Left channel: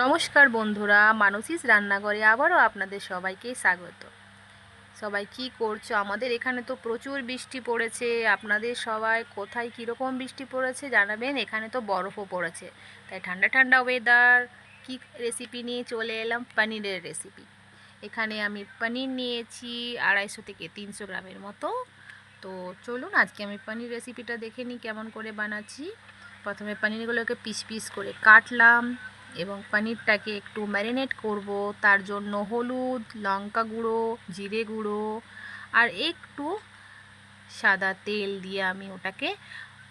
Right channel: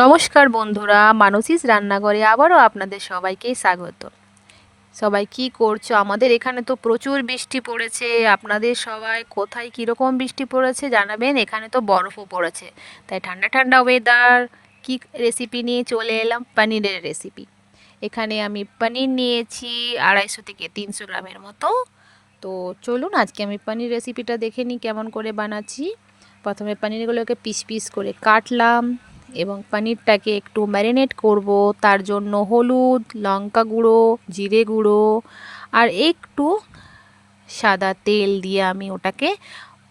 নমস্কার বন্ধুরা, মানসীস রান্নাঘরে আবারও আপনাদের সবাইকে স্বাগত। সবাই কি করছো? আমাদের এখানে তো প্রচুর বৃষ্টি পড়েছে। আপনাদের সবাই কোথায় কীরকম বৃষ্টি পড়েছে জানাবেন। এখানে তো বরফও পড়েছে, তাই ঠান্ডা ঠান্ডা ওয়েদার। কি রেসিপি নিয়ে চলে এলাম? পনিরের রেসিপি। এখানে আমি পনির নিয়েছি 250 থেকে 300 গ্রামের মতো। তো চলুন আজকে আমি পনির রেসিপিটা দেখে নিই কেমন করে বানাচ্ছি। প্রথমে পনিরগুলোকে পিস পিস করে কাটলাম এবং পনিরটাকে একটু ম্যারিনেট করব। তার জন্য হলুদ, লঙ্কা গুঁড়ো, জিরে গুঁড়ো আর একটু সাদা তেল দিয়ে আমি ওটাকে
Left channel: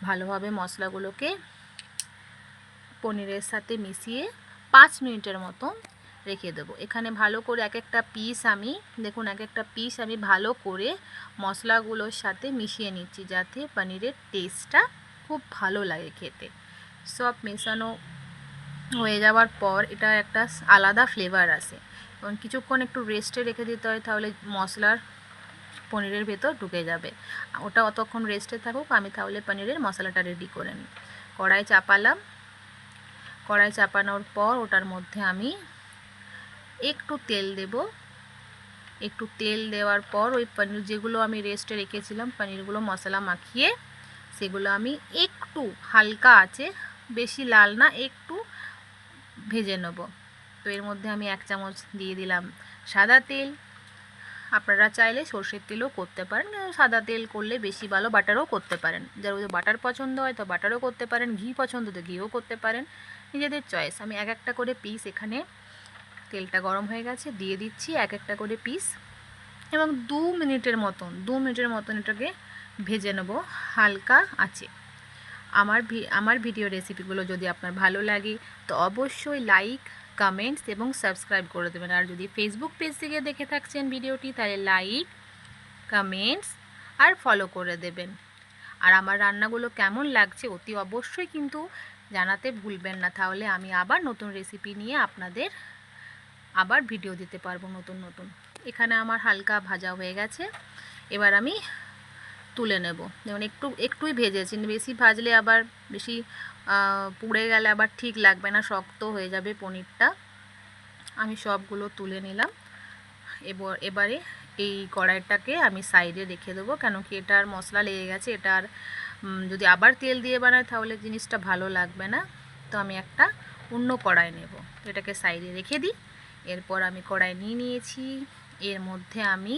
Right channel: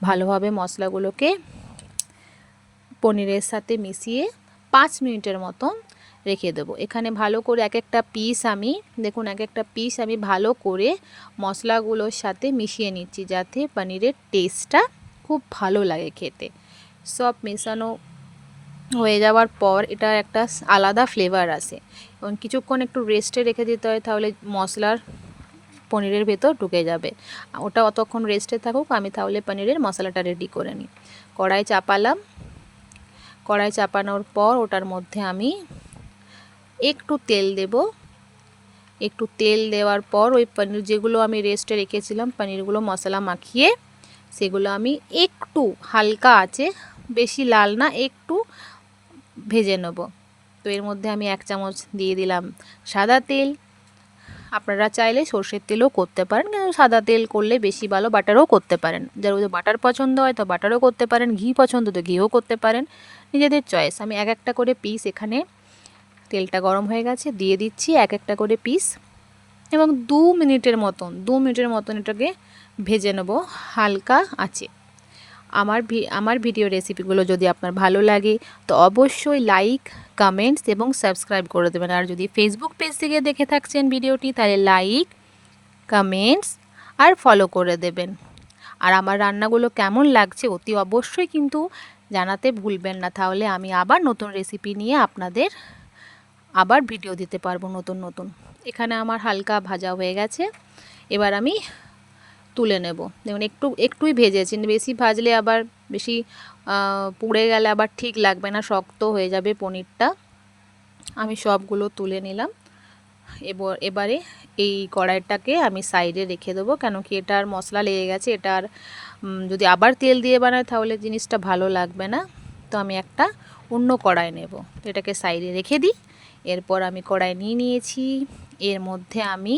ভালোভাবে মশলাগুলোকে পনিরের সাথে মিশিয়ে 5 মিনিটের মতন রেখে দেবো। এখানে ভালো করে এক একটা পিস আমি ভালো করে মশলাগুলোর সাথে মিশিয়ে নিচ্ছি, যাতে পনিরের টেস্টটা খুব ভালো লাগে খেতে। সব মেশানো হয়ে যাওয়ার পর এটা একটা আলাদা ফ্লেভার আসে এবং কিছুক্ষণ একটু রেস্টে রেখে দিতে হয়, তাহলে মশলার পনিরের ভেতর ঢুকে যাবে। ওটা অতক্ষণ রেস্টে থাকুক, আমি তাহলে পনিরের মশলাটা রেডি করে নিই। কড়াই চাপানোর পর ওটার মধ্যে আমি একটু তেল দেব। একটু তেল দেওয়ার পর ওই পনির যেগুলো আমি রেস্টে রেখেছিলাম, পনিরগুলো মশলা মাখিয়ে সেগুলো আমি একটু হালকা আছে, বেশি লাল না, একটু ভেজে নেব। তো এর মধ্যে আমি 1 চামচ দিয়ে দিলাম সাদা তেল। আপনারা চাইলে সর্ষের তেলও করতে পারেন, কিন্তু সাদা তেল করলে বেশি ভালো। বাটারও করতে পারেন, যার যদি বাটার পছন্দ হয় তো বাটারও করতে পারেন, ঘি পছন্দ তো ঘিও করতে পারেন, নিজেদের চয়েস। আমি এক একটা করে পিস, এখানে তেলটা গরম হয়ে গেছে, দিয়ে দিচ্ছি এক একটা করে পিস এবং 2 মিনিটের মতন এটাকে ভেজে নেব হালকা আঁচে। আমার ভিডিও রেসিপিগুলো যদি আপনার ভালো লাগে তো অবশ্যই লাইক, কমেন্টস এবং সাবস্ক্রাইব করে দেবেন। আর যদি ফেসবুক পেজ থেকে দেখে থাকছেন ভিডিওটি, তাহলে লাইক, কমেন্টস আর ফলো করে দেবেন। আর আমার রান্নাগুলো কেমন লাগছে অতি অবশ্যই কিন্তু জানাতে ভুলবেন না, তাহলে আমি আবার নতুন রেসিপি নিয়ে আপনাদের আবার ভিডিও দিতে পারবো নতুন। এখানে আমার হালকা ভাজা হয়ে গেছে, এবার আমি তুলে নেব। দেখুন একটুই ভেজেছি, বেশি ভাজলে আবার বেশি পুড়ে গেলে আবার ঠিক লাগবে না, শক্ত হয়ে যাবে পনিরটা। আমি সবগুলো তুলে নিলাম। এবারে এই কড়াইটাকে আমি সাইডে রেখে দেবো, কেন কি এটার মশলা লেগে গেছে। এটার যদি আবার তেল দিয়ে বানায় তাহলে জিনিসটা ভালো লাগবে না। তো আমি একটা অন্য কড়াই নেব, এটাকে সাইডে রেখে দিই। এরপর আমি কড়াই নিয়েছি, এর মধ্যে আমি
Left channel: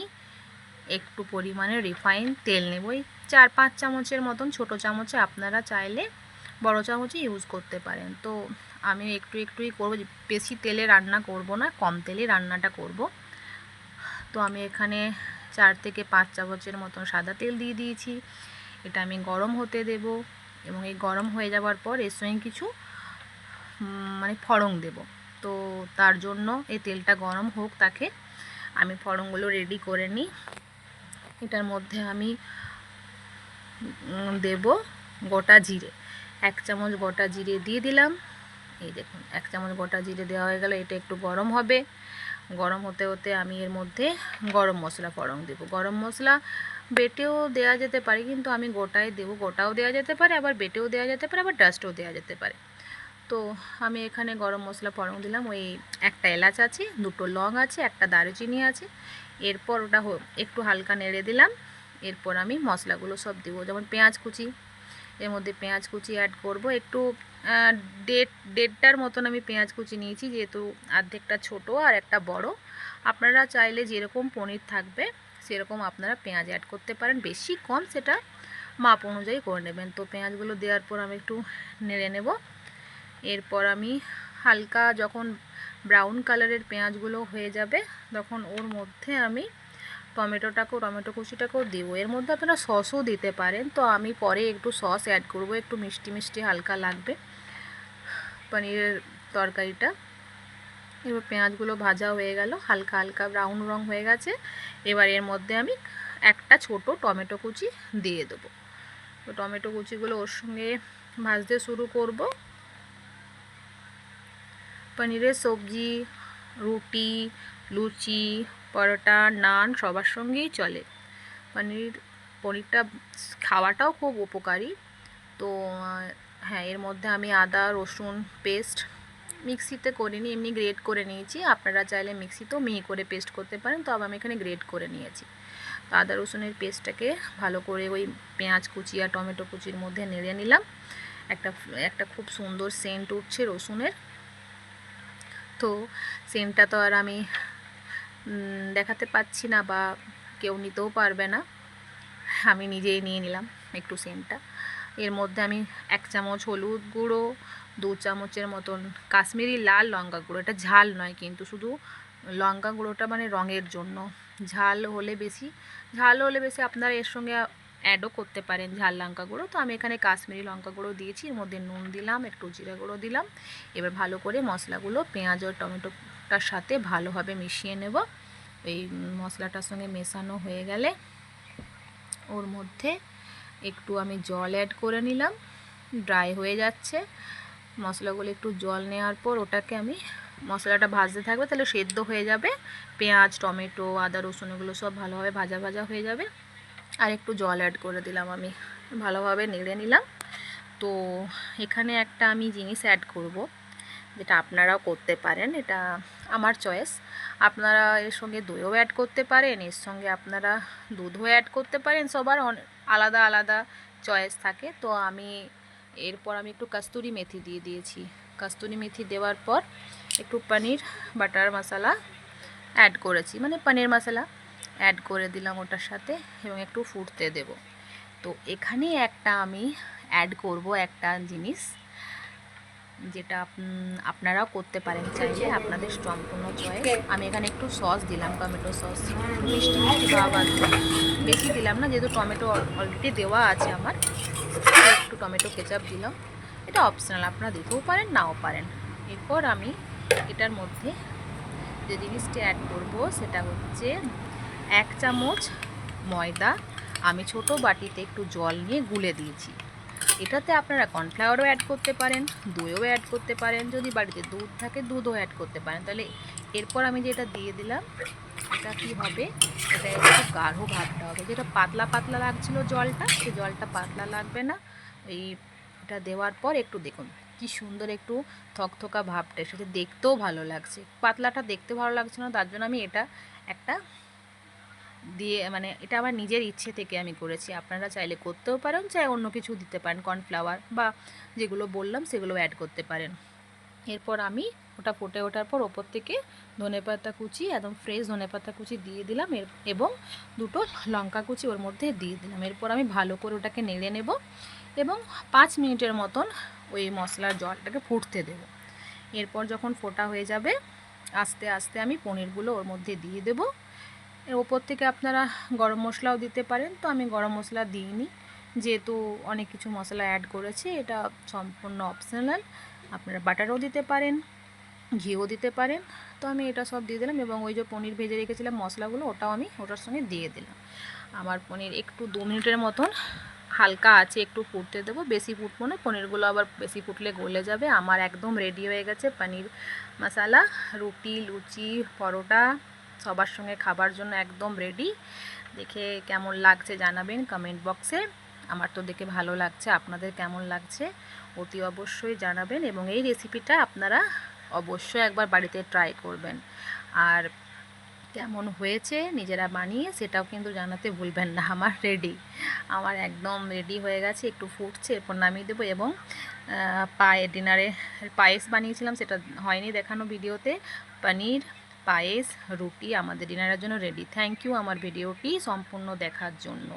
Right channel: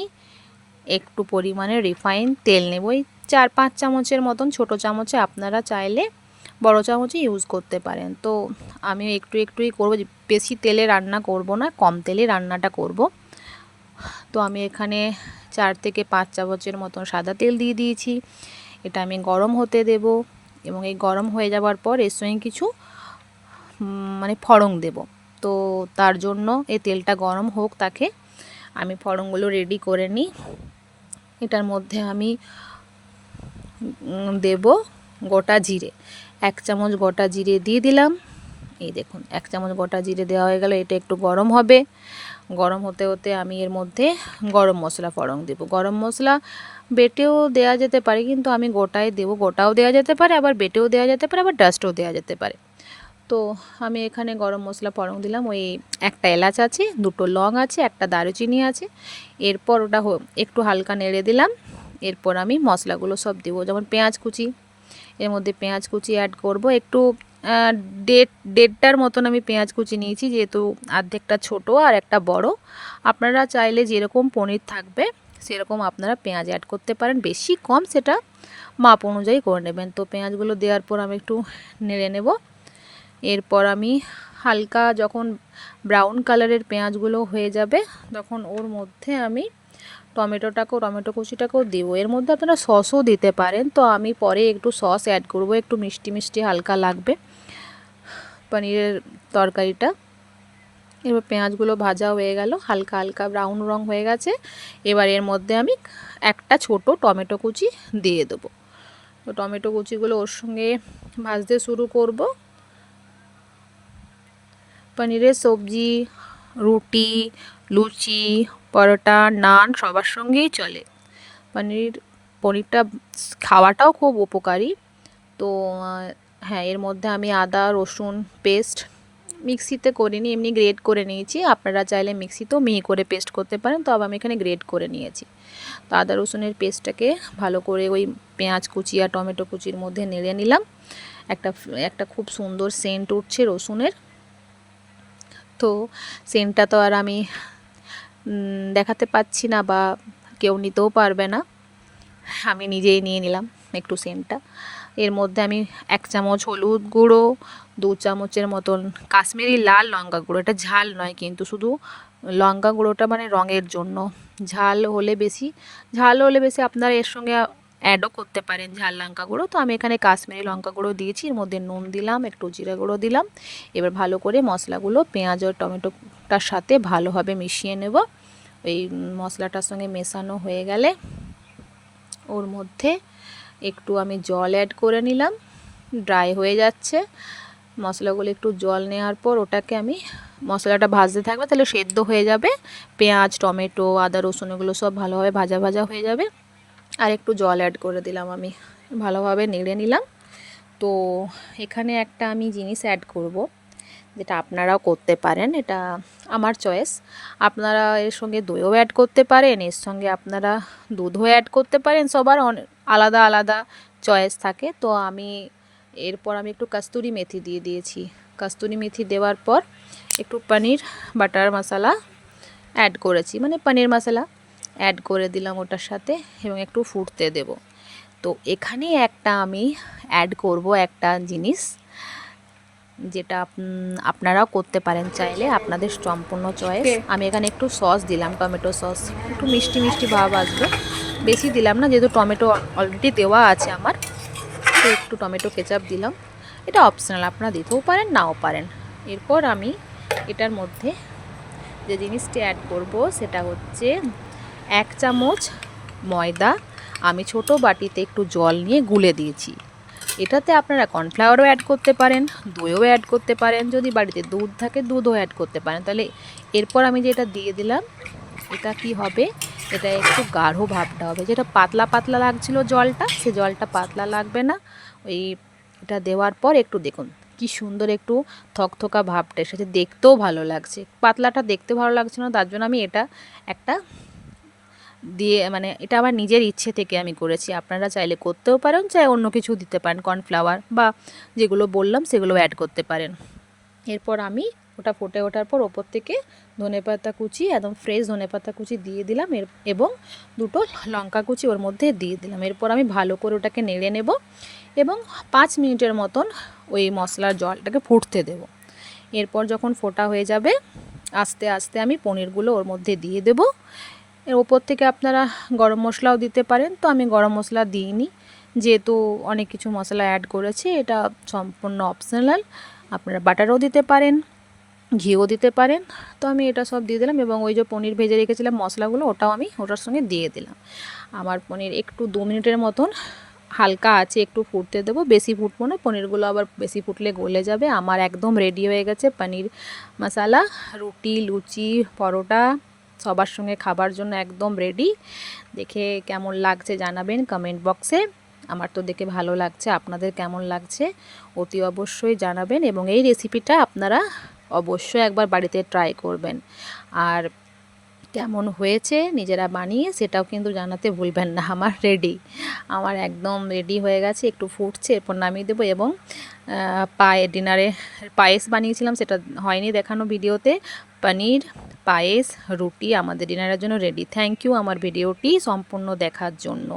একটু পরিমাণে রিফাইন তেল নেব, ওই 4-5 চামচের মতন। ছোটো চামচে আপনারা চাইলে বড় চামচে ইউজ করতে পারেন। তো আমি একটুই করব, বেশি তেলে রান্না করব না, কম তেলে রান্নাটা করব। তো আমি এখানে 4 থেকে 5 চামচের মতন সাদা তেল দিয়ে দিয়েছি। এটা আমি গরম হতে দেব এবং এই গরম হয়ে যাওয়ার পর এর সঙ্গে কিছু ফড়ং দেব। তো তার জন্য এই তেলটা গরম হোক, তাকে আমি ফড়ংগুলো রেডি করে নিই। এটার মধ্যে আমি দেব গোটা জিরে, 1 চামচ গোটা জিরে দিয়ে দিলাম। এই দেখুন 1 চামচ গোটা জিরে দেওয়া হয়ে গেল। এটা একটু গরম হবে, গরম হতে হতে আমি এর মধ্যে গরম মশলা ফড়ং দেব। গরম মশলা বেটেও দেওয়া যেতে পারে, কিন্তু আমি গোটাই দেব। গোটাও দেওয়া যেতে পারে, আবার বেটেও দেওয়া যেতে পারে, আবার ডাস্টও দেওয়া যেতে পারে। তো আমি এখানে গরম মশলা ফড়ং দিলাম। ওই একটা এলাচ আছে, 2টো লং আছে, একটা দারুচিনি আছে। এরপর ওটা একটু হালকা নেড়ে দিলাম। এরপর আমি মশলাগুলো সব দেবো, যেমন পেঁয়াজ কুচি, এর মধ্যে পেঁয়াজ কুচি অ্যাড করব। একটু দেড়টার মতন আমি পেঁয়াজ কুচি নিয়েছি, যেহেতু অর্ধেকটা ছোট আর একটা বড়। আপনারা চাইলে যেরকম পনির থাকবে সেরকম আপনারা পেঁয়াজ অ্যাড করতে পারেন, বেশি কম সেটা মাপ অনুযায়ী করে নেবেন। তো পেঁয়াজগুলো দেওয়ার পর আমি একটু নেড়ে নেব। এরপর আমি হালকা যখন ব্রাউন কালারের পেঁয়াজগুলো হয়ে যাবে, তখন ওর মধ্যে আমি টমেটো কুচিটাকেও দেবো। এর মধ্যে আপনারা সসও দিতে পারেন, তো আমি পরে একটু সস অ্যাড করব, একটু মিষ্টি হালকা লাগবে পনিরের তরকারিটা। এবার পেঁয়াজগুলো ভাজা হয়ে গেল, হালকা ব্রাউন রং হয়ে গেছে। এবার এর মধ্যে আমি একটা ছোট টমেটো কুচি দিয়ে দেবো। তো টমেটো কুচিগুলো ওর সঙ্গে ভাজতে শুরু করব। পনিরের সবজি রুটি, লুচি, পরোটা, নান সবার সঙ্গেই চলে। পনিরটা খাওয়াটাও খুব উপকারী। তো হ্যাঁ, এর মধ্যে আমি আদা রসুন পেস্ট মিক্সিতে করিনি, এমনি গ্রেট করে নিয়েছি। আপনারা চাইলে মিক্সিতেও মিহি করে পেস্ট করতে পারেন, তবে আমি এখানে গ্রেট করে নিয়েছি। তো আদা রসুনের পেস্টটাকে ভালো করে ওই পেঁয়াজ কুচি আর টমেটো কুচির মধ্যে নেড়ে নিলাম। একটা খুব সুন্দর সেন্ট উঠছে রসুনের। তো সেন্টটা তো আর আমি দেখাতে পাচ্ছি না, বা কেউ নিতেও পারবে না, আমি নিজেই নিয়ে নিলাম একটু সেন্টটা। এর মধ্যে আমি 1 চামচ হলুদ গুঁড়ো, 2 চামচের মতন কাশ্মীরি লাল লঙ্কা গুঁড়ো, এটা ঝাল নয় কিন্তু, শুধু লঙ্কা গুঁড়োটা মানে রঙের জন্য। ঝাল হলে বেশি আপনারা এর সঙ্গে অ্যাডও করতে পারেন ঝাল লঙ্কা গুঁড়ো। তো আমি এখানে কাশ্মীরি লঙ্কা গুঁড়ো দিয়েছি, এর মধ্যে নুন দিলাম, একটু জিরা গুঁড়ো দিলাম। এবার ভালো করে মশলাগুলো পেঁয়াজ ও টমেটোটার সাথে ভালোভাবে মিশিয়ে নেব। এই মশলাটার সঙ্গে মেশানো হয়ে গেলে ওর মধ্যে একটু আমি জল অ্যাড করে নিলাম। ড্রাই হয়ে যাচ্ছে মশলাগুলো, একটু জল নেওয়ার পর ওটাকে আমি, মশলাটা ভাজতে থাকবে তাহলে সেদ্ধ হয়ে যাবে, পেঁয়াজ টমেটো আদা রসুন এগুলো সব ভালোভাবে ভাজা ভাজা হয়ে যাবে। আর একটু জল অ্যাড করে দিলাম, আমি ভালোভাবে নেড়ে নিলাম। তো এখানে একটা আমি জিনিস অ্যাড করব, যেটা আপনারাও করতে পারেন, এটা আমার চয়েস। আপনারা এর সঙ্গে দইও অ্যাড করতে পারেন, এর সঙ্গে আপনারা দুধও অ্যাড করতে পারেন, সবার আলাদা আলাদা চয়েস থাকে। তো এরপর আমি একটু কস্তুরি মেথি দিয়ে দিয়েছি। কস্তুরি মেথি দেওয়ার পর একটু পনির বাটার মশলা অ্যাড করেছি, মানে পনির মশলা অ্যাড করে দিলাম ওটার সাথে, এবং একটু ফুটতে দেব। তো এখানে একটা আমি অ্যাড করব একটা জিনিস, যেটা আপনারাও করতে পারেন চাইলে, আপনাদের সম্পূর্ণ চয়েস। আমি এখানে একটু সস দিলাম, টমেটো সস, একটু মিষ্টি মিষ্টি ভাব আসবে, বেশি দিলাম না, যেহেতু টমেটো অলরেডি দেওয়া আছে আমার। তো একটু টমেটো কেচাপ দিলাম, এটা অপশনাল, আপনারা দিতেও পারেন নাও পারেন। এরপর আমি এটার মধ্যে যে জিনিসটি অ্যাড করব সেটা হচ্ছে 1 চামচ ময়দা আমি ছোট বাটিতে একটু জল নিয়ে গুলে দিয়েছি। এটাতে আপনারা কর্নফ্লাওয়ারও অ্যাড করতে পারেন, দইও অ্যাড করতে পারেন, যদি বাড়িতে দুধ থাকে দুধও অ্যাড করতে পারেন। তাহলে এরপর আমি যেটা দিয়ে দিলাম, এটা কি হবে, এটা একটু গাঢ় ভাবটা হবে, যেটা পাতলা পাতলা লাগছিল জলটা, সে জলটা পাতলা লাগবে না। এটা দেওয়ার পর একটু দেখুন কি সুন্দর একটু থকথকা ভাবটা এসেছে, দেখতেও ভালো লাগছে। পাতলাটা দেখতে ভালো লাগছে না, তার জন্য আমি এটা একটা দিয়ে, মানে এটা আমার নিজের ইচ্ছে থেকে আমি করেছি, আপনারা চাইলে করতেও পারেন, চাই অন্য কিছু দিতে পারেন, কর্নফ্লাওয়ার বা যেগুলো বললাম সেগুলো অ্যাড করতে পারেন। এরপর আমি ওটা ফুটে ওঠার পর ওপর থেকে ধনেপাতা কুচি, একদম ফ্রেশ ধনেপাতা কুচি দিয়ে দিলাম, এবং 2টো লঙ্কা কুচি ওর মধ্যে দিয়ে দিলাম। এরপর আমি ভালো করে ওটাকে নেড়ে নেব এবং 5 মিনিটের মতন ওই মশলার জলটাকে ফুটতে দেব। এরপর যখন ফোটা হয়ে যাবে, আস্তে আস্তে আমি পনিরগুলো ওর মধ্যে দিয়ে দেব। এর ওপর থেকে আপনারা গরম মশলাও দিতে পারেন, তো আমি গরম মশলা দিইনি, যেহেতু অনেক কিছু মশলা অ্যাড করেছি, এটা সম্পূর্ণ অপশনাল। আপনারা বাটারও দিতে পারেন, ঘিও দিতে পারেন। তো আমি এটা সব দিয়ে দিলাম, এবং ওই যে পনির ভেজে রেখেছিলাম মশলাগুলো, ওটাও আমি ওটার সঙ্গে দিয়ে দিলাম। আমার পনির একটু 2 মিনিটের মতন হালকা আছে একটু ফুটতে দেবো, বেশি ফুটবো না, পনিরগুলো আবার বেশি ফুটলে গলে যাবে। আমার একদম রেডি হয়ে গেছে পনির মশালা, রুটি লুচি পরোটা সবার সঙ্গে খাবার জন্য একদম রেডি। দেখে কেমন লাগছে জানাবেন কমেন্ট বক্সে। আমার তো দেখে ভালো লাগছে, আপনাদের কেমন লাগছে অতি অবশ্যই জানাবেন, এবং এই রেসিপিটা আপনারা অবশ্যই একবার বাড়িতে ট্রাই করবেন। আর কেমন হয়েছে নিজেরা বানিয়ে সেটাও কিন্তু জানাতে ভুলবেন না। আমার একদম রেডি হয়ে গেছে, একটু ফুটছে, এরপর নামিয়ে দেবো। এবং ডিনারে পায়েস বানিয়েছিলাম, সেটা হয়নি দেখানো ভিডিওতে। পনির পায়েস রুটি আমাদের ডিনারের জন্য রেডি। থ্যাংক ইউ আমার ভিডিওটি সম্পূর্ণ দেখার জন্য।